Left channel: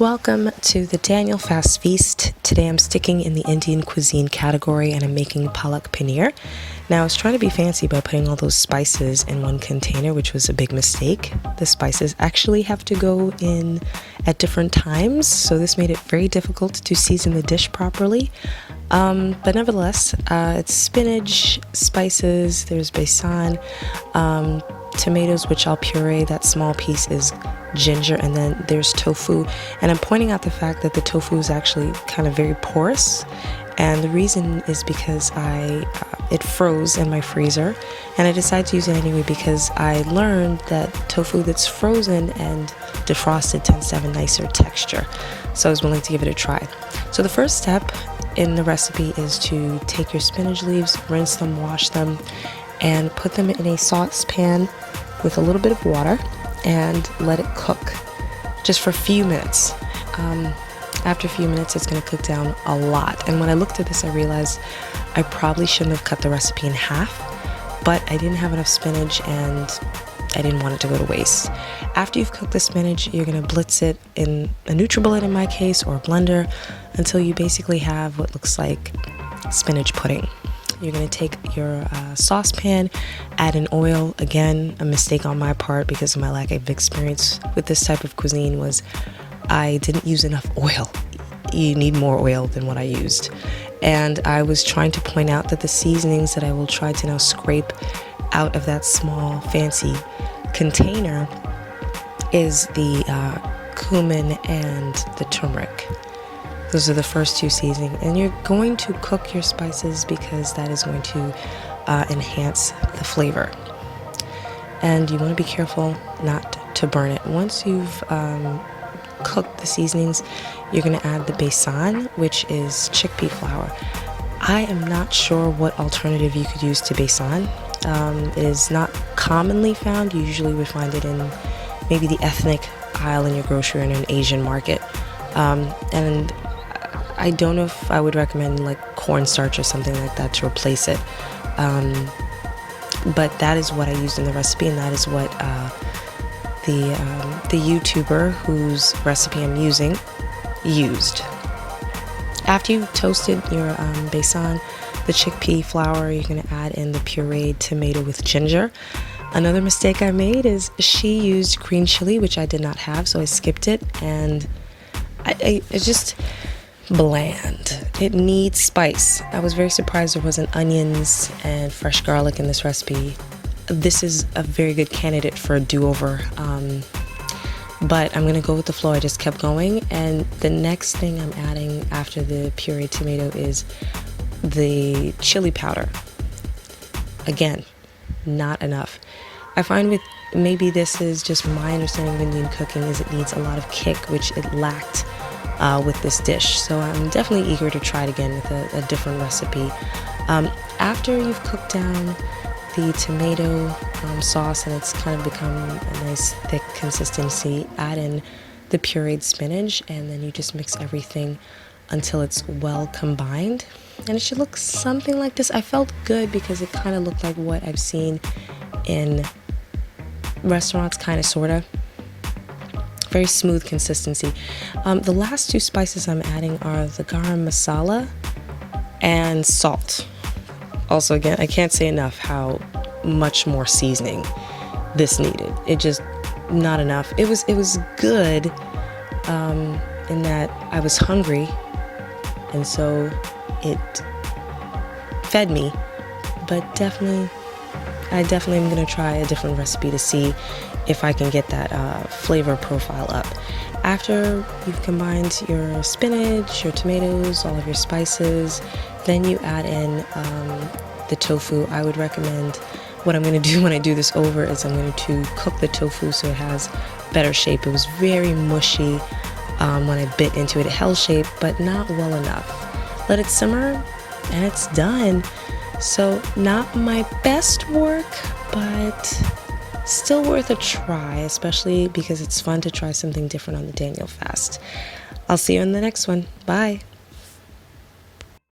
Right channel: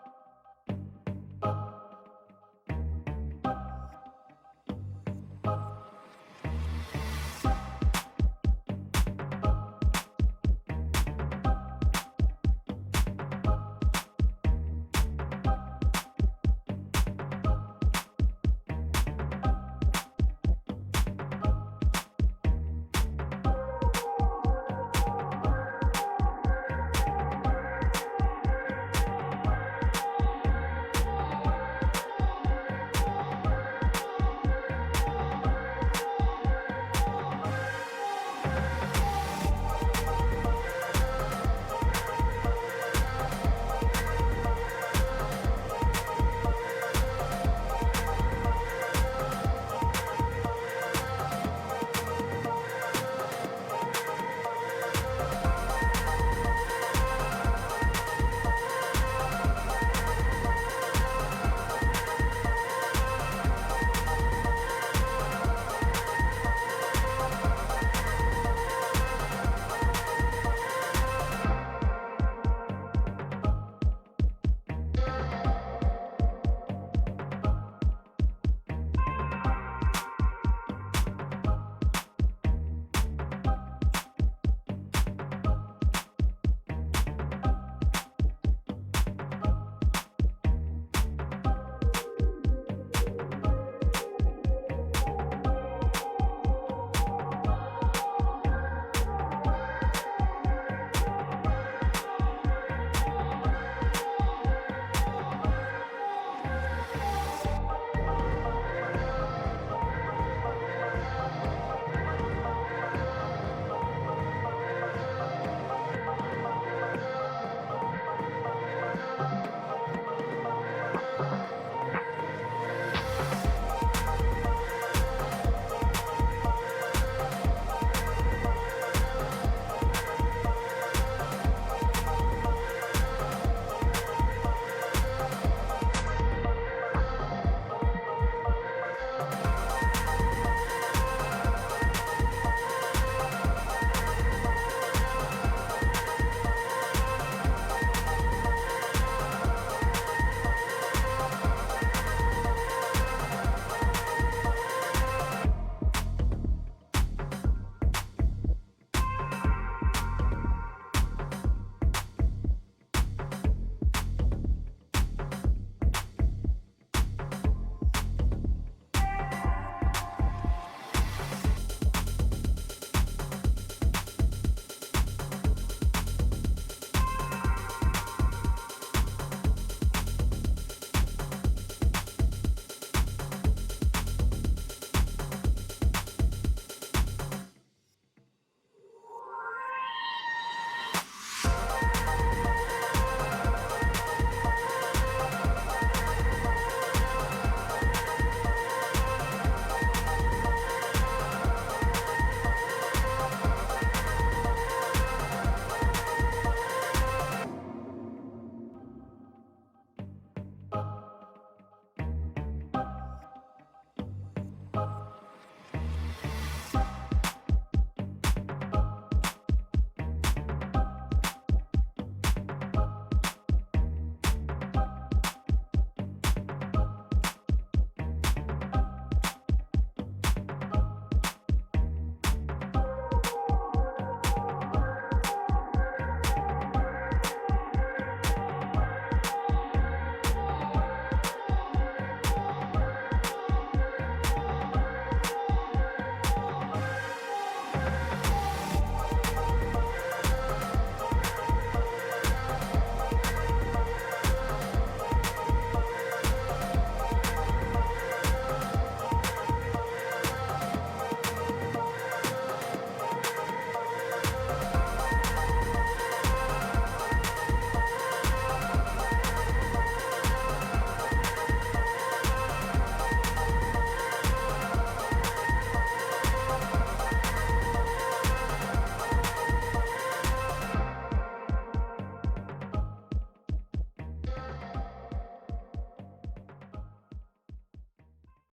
Welcome to the Daniel Fast Feast. Today I'm sticking in the Indian cuisine category and I'm making Palak Paneer. Now I was trying to be fancy by putting all those spices in one container, which was a big mistake. The spices actually have to go in at different times, so this made it very difficult to season the dish properly. But nevertheless, it's spinach, spices, there's besan, tomatoes, which I'll puree. That small piece is ginger, and then there's tofu. And I'm pointing out the fact that the tofu is actually kind of very porous, and the reason is because it froze in my freezer, and I decided to use it anyway because I learned that tofu that's frozen and defrosted tends to have a nicer texture, so I was willing to give it a try. So the first step in the recipe is to take your spinach leaves, rinse them, wash them, and put them in a saucepan with a little bit of water and let it cook just for a few minutes. After a few minutes, it's going to cook down a lot. And when I looked at this, I realized I probably shouldn't have cut the recipe in half, but I didn't have enough spinach and I didn't want it to go to waste. After you've cooked the spinach, you're going to blitz it in a NutriBullet in my case, or a blender, until you basically have what looks like spinach pudding. You're going to take your saucepan, add in oil. Again, a mistake on my part because of my lack of experience with this type of cuisine was I didn't use enough oil. You need more oil than what I used. And I was trying to point out that the seasonings that I will try to now scrape out of that small fancy container is the cumin and the turmeric. Those are the first two seasonings, and you're going to cook your spices because that is going to enhance the flavor. And you want to be careful not to burn it. Once you've cooked the seasonings, you're going to add the besan, which is chickpea flour. I am not sure what alternative you could use to besan. It is not commonly found. You usually would find it in maybe the ethnic aisle in your grocery or in an Asian market. And I don't know if I would recommend like cornstarch or something like that to replace it. But that is what I used in the recipe, and that is what the YouTuber whose recipe I'm using used. After you've toasted your besan, the chickpea flour, you're going to add in the pureed tomato with ginger. Another mistake I made is she used green chili, which I did not have, so I skipped it, and it's just bland. It needs spice. I was very surprised there wasn't onions and fresh garlic in this recipe. This is a very good candidate for a do-over, but I'm gonna go with the flow. I just kept going, and the next thing I'm adding after the pureed tomato is the chili powder. Again, not enough. I find with maybe this is just my understanding of Indian cooking is it needs a lot of kick, which it lacked with this dish. So I'm definitely eager to try it again with a different recipe. After you've cooked down the tomato sauce and it's kind of become a nice thick consistency, add in the pureed spinach, and then you just mix everything until it's well combined, and it should look something like this. I felt good because it kind of looked like what I've seen in restaurants, kind of, sort of. Very smooth consistency. The last two spices I'm adding are the garam masala and salt. Also, again, I can't say enough how much more seasoning this needed. It just, not enough. It was good in that I was hungry, and so it fed me, but I definitely am going to try a different recipe to see if I can get that flavor profile up. After you've combined your spinach, your tomatoes, all of your spices, then you add in the tofu. I would recommend, what I'm going to do when I do this over is I'm going to cook the tofu so it has better shape. It was very mushy when I bit into it. It held shape, but not well enough. Let it simmer and it's done. So not my best work, but still worth a try, especially because it's fun to try something different on the Daniel Fast. I'll see you in the next one. Bye.